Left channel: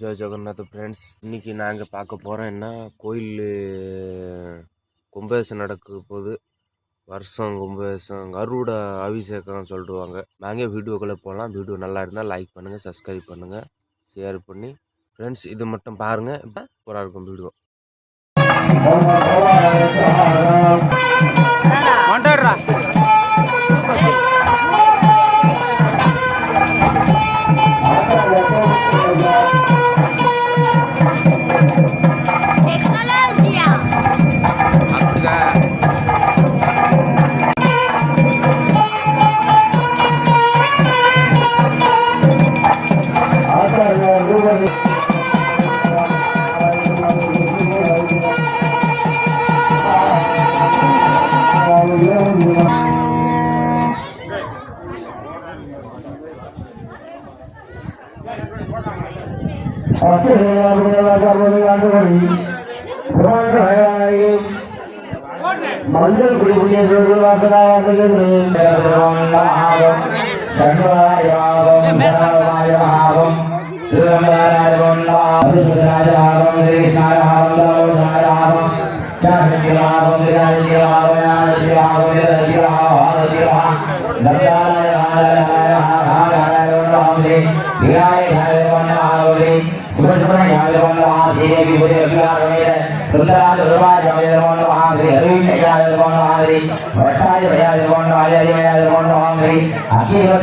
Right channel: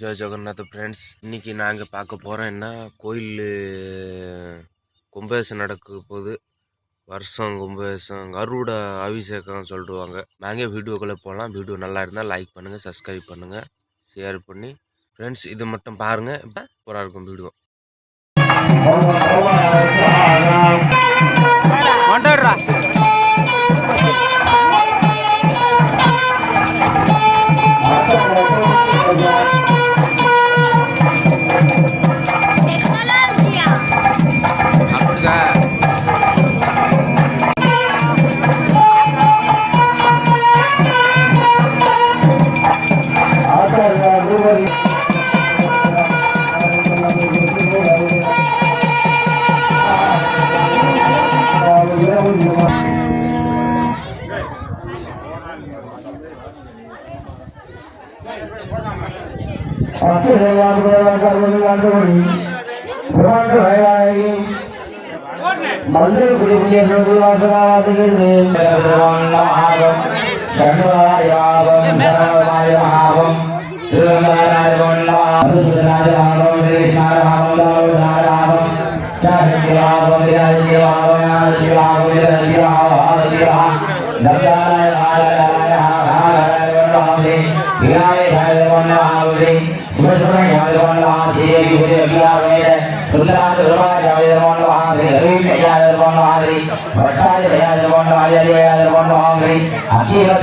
Jai Jagannath friends இன்னைக்கு நாங்கள் பார்க்க போகிறோம் என்ன? கோயில் கும்பாபிஷேகம் நடக்க போது வருஷம் கும்பாபிஷேகம் கருட அபிஷேகம் சொல்லிடுவாங்க. நாங்கள் வீடியோக்குள்ளே போகலாம். வீடியோ நல்லா இருந்தால் லைக் பண்ணுங்கள் சப்ஸ்கிரைப் பண்ணுங்கள் ஷேர் பண்ணி ஃப்ரெண்ட்ஸ் இது மட்டும் பாருங்கள் இப்போ சூப்பராக இருக்கும் வீடியோ. పచ్చి మళ్ళీ గుడి రోజువాసనాయాదం శర్వాయాదం తిరుమలాయాదం కృష్ణారాదం శివాదం శివాదం శివాదం శివాదం శివాదం శివాదం மஞ்சள்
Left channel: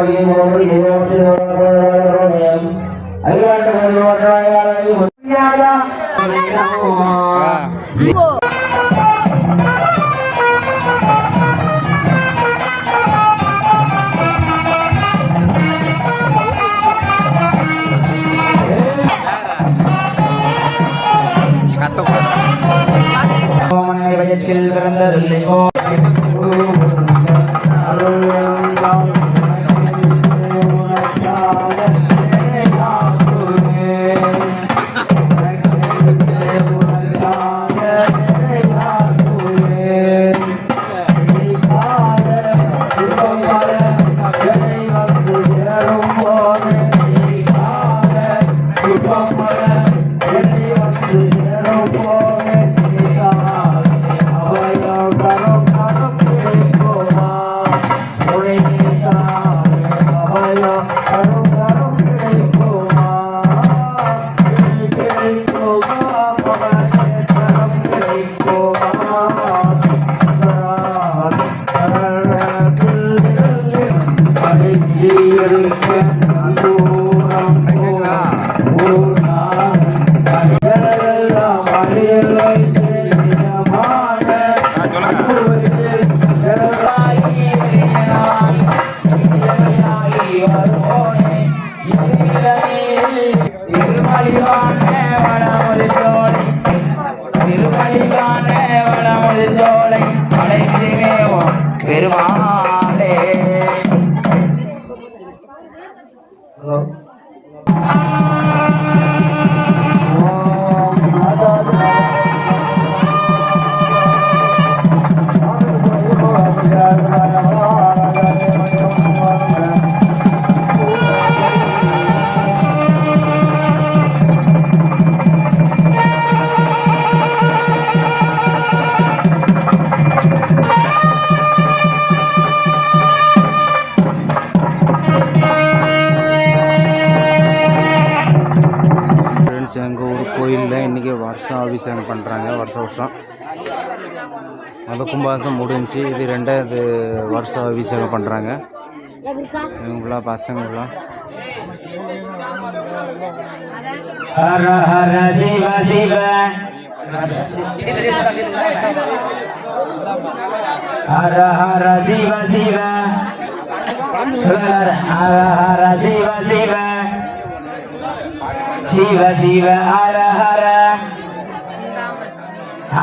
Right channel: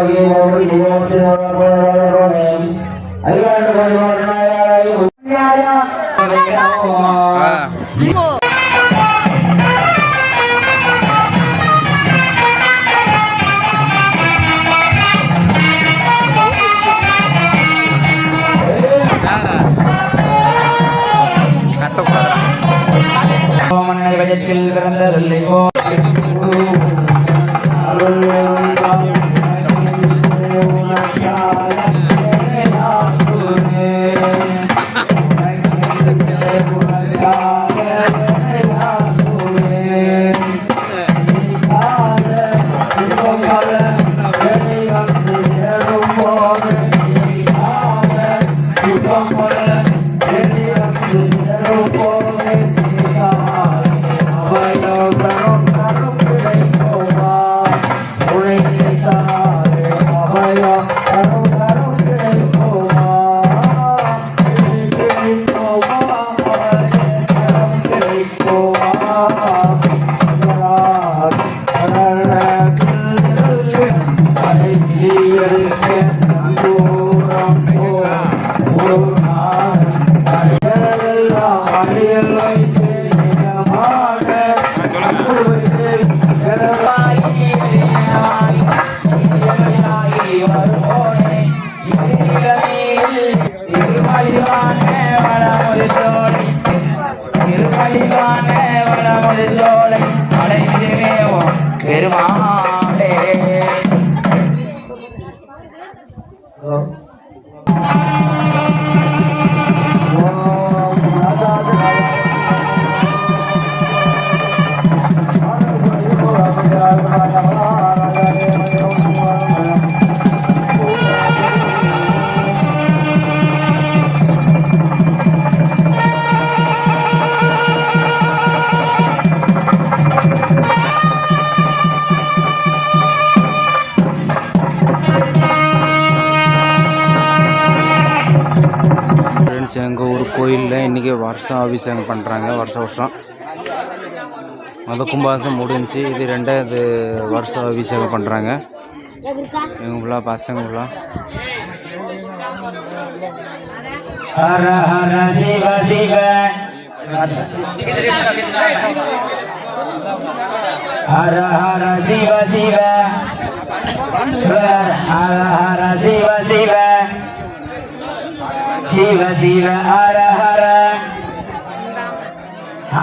குடி கத்தக்கூடாது Yeah. பெருமா வருஷம் அபிஷேகம் பண்ணுறாங்க வருஷம் வருஷம். மொத கும்பாசம் முடிஞ்சு இது ரெண்டாவது வருஷம் அபிஷேகம் பண்ணுறாங்க இவங்களா பசங்களா? ஹர ஹர சிவ சிவ. ஹர ஹர சிவ சிவ. ஹர ஹர சிவ சிவ. சிவ சிவ ஹர ஹர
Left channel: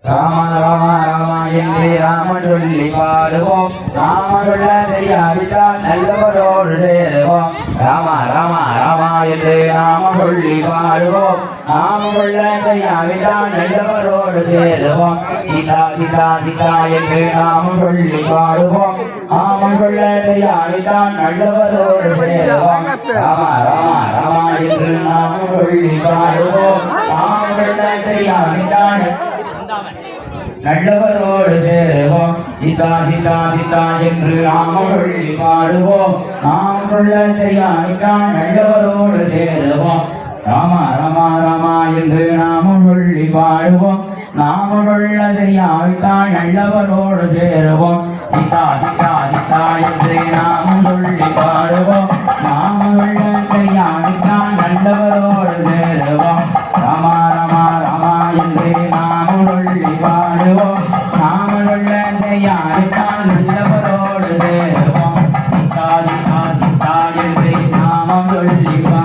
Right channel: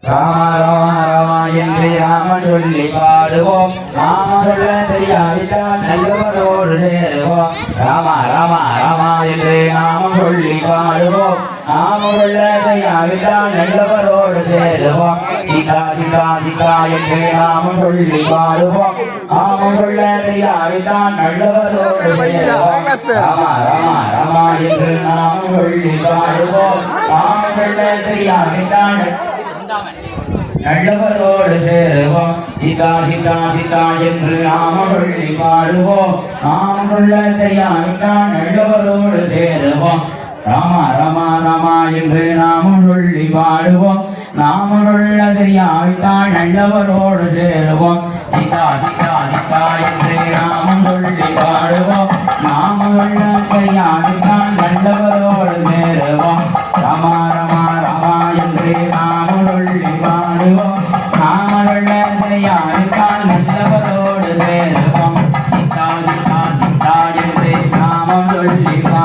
ராம ராம ராமா என்று ராமன் சொல்லி பாடுவோம். ராமனுள்ள தெரியாவிட்டால் நல்லவரோடு என்று நாம சொல்லி பாடுவோம் நாம உள்ளதை தெரியாவிட்டால் நல்லவரோடு தேடுவோம் சீதா சீதா சீதா என்று நாம சொல்லி பாடுவோம் நாம உள்ளதை தெரியாவிட்டால் நல்லவரோடு தேடுவோம் ராம ராம ராம என்று நாம சொல்லி பாடுவோம் நாம உள்ளதை தெரியாவிட்டால் நல்லவரோடு சேருவோம். சீதா சீதா சீதா என்று நாம பாடுவோம். நாம் சொல்ல தெரியாவிட்டால் நல்லவரோடு சேருவோம். ராமா ராமா ராமா என்று நாமம் பாடுவோம். நாம சொல்ல தெரியாவிட்டால் நல்லவரோடு சேருவோம். சீதா சீதா சீதா என்று என்று